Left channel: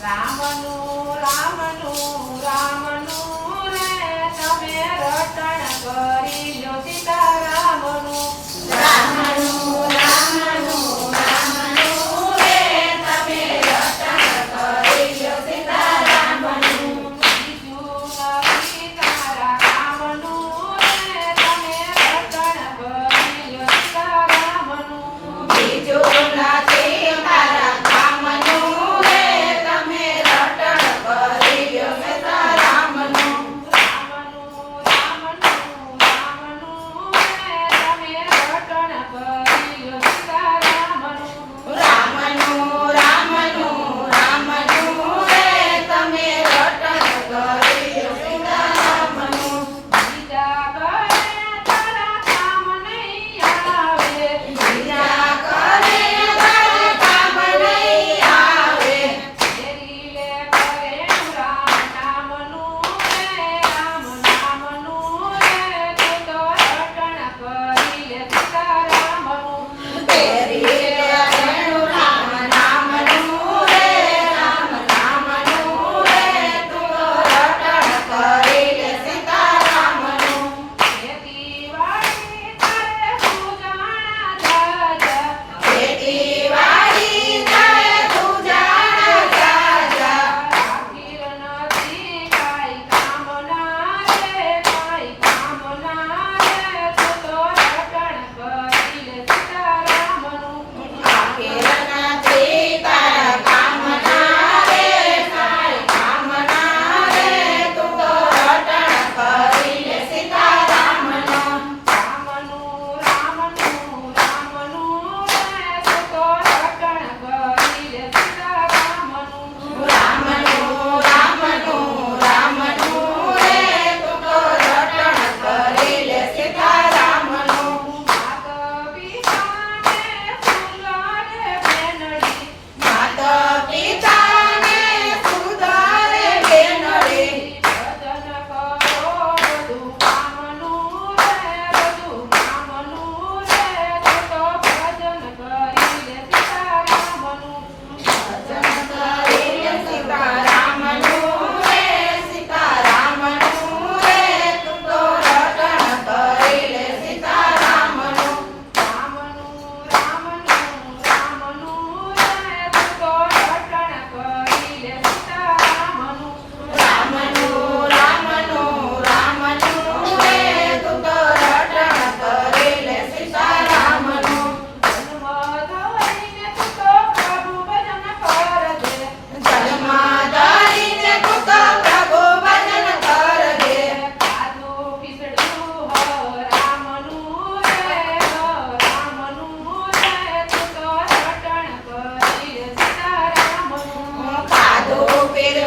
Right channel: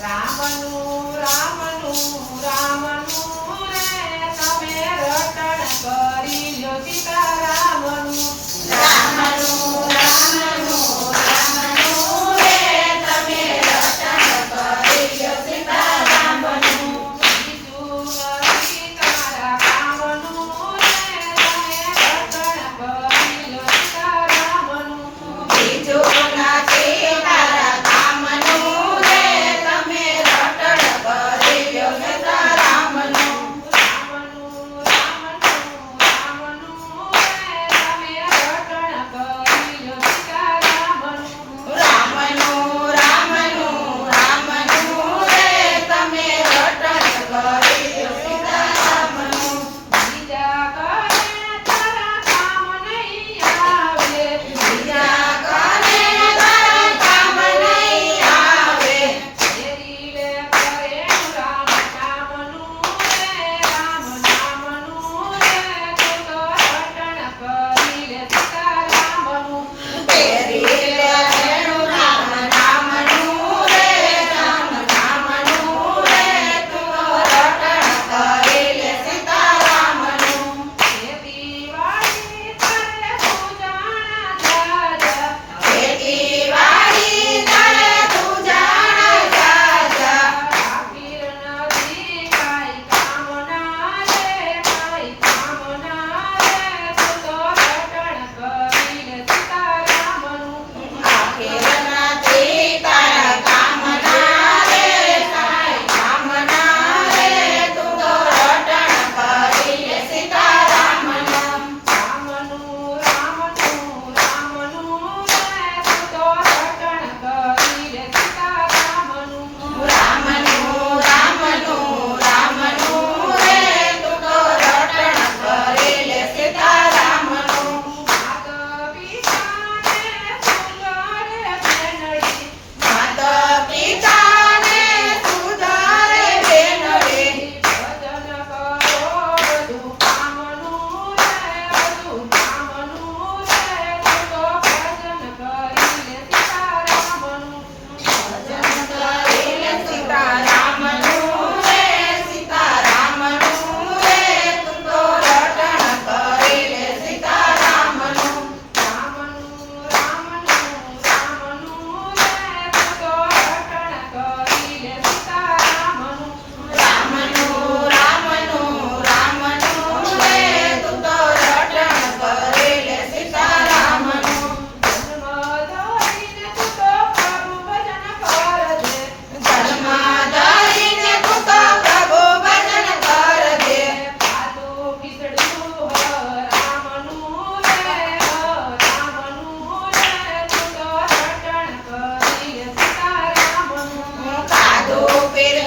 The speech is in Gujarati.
રામનું રામનું રામનું રે તમે રટણ કરી લ્યો સીતારામનું રામનું રામનું રામનું રે તમે રટણ કરી લ્યો સીતારામનું બીજું નથી તારા કામનું રે તમે રટણ કરી લ્યો સીતારામનું બીજું નથી તારા કામનું રે તમે રટણ કરી લ્યો સીતારામનું રામનું રામનું રામનું રે તમે રટણ કરી લ્યો સીતારામનું રામનું રામનું રામનું રે તમે રટણ કરી લ્યો સીતારામનું બીજા કરે તારા કામ નહીં આવે બીજા કરે તારા કામ નહીં આવે તેરી લે કરે રામ નામનું રે રામ નામનું રે તું તો રટણ કરી લે સીતારામનું તેરી રેણુ રામ નામનું રે રામ નામનું રે તું રટણ કરી લે સીતારામનું ખેતીવાડી કરે પૂજાણા જાજા ખેતીવાડી કરે તું જાણ જાજા આખીર નથી કાંઈ કામના રે કાંઈ કામના રે તું તો રટણ કરી લે સીતારામનું આખેર નથી તારા કામના રે કાંઈ કામના રે તું તો રટણ કરી લે સીતારામનું રામનું રામનું રામનું રે તું તો રટણ કરી લે સીતારામનું રામનું રામનું રામનું રે તું તો રટણ કરી લે સીતારામનું માતા પિતાને સુલારે બેનડી માતા પિતાને સુધારે બેનડી ભજન કરો બધું કામનું રે બધું કામનું રે તું તો ભજન કરી લે સીતારામનું ભજન કરી લે સીતારામનું રે સીતારામનું રે તું તો રટણ કરી લે સીતારામનું રામનું રામનું રામનું રે તું તો રટણ કરી લે સીતારામનું રામનું રામનું રામનું રે તું તો રટણ કરી લે સીતારામનું જન્મ ધરીને તું તો પ્રભુ ભજન કરજે જન્મ ધરીને તું તો પ્રભુ ભજન કરજે કાદો ખીચડું રામનું રે રામનું રે તું તો રટણ કરી લે સીતારામનું હું કાદો પીર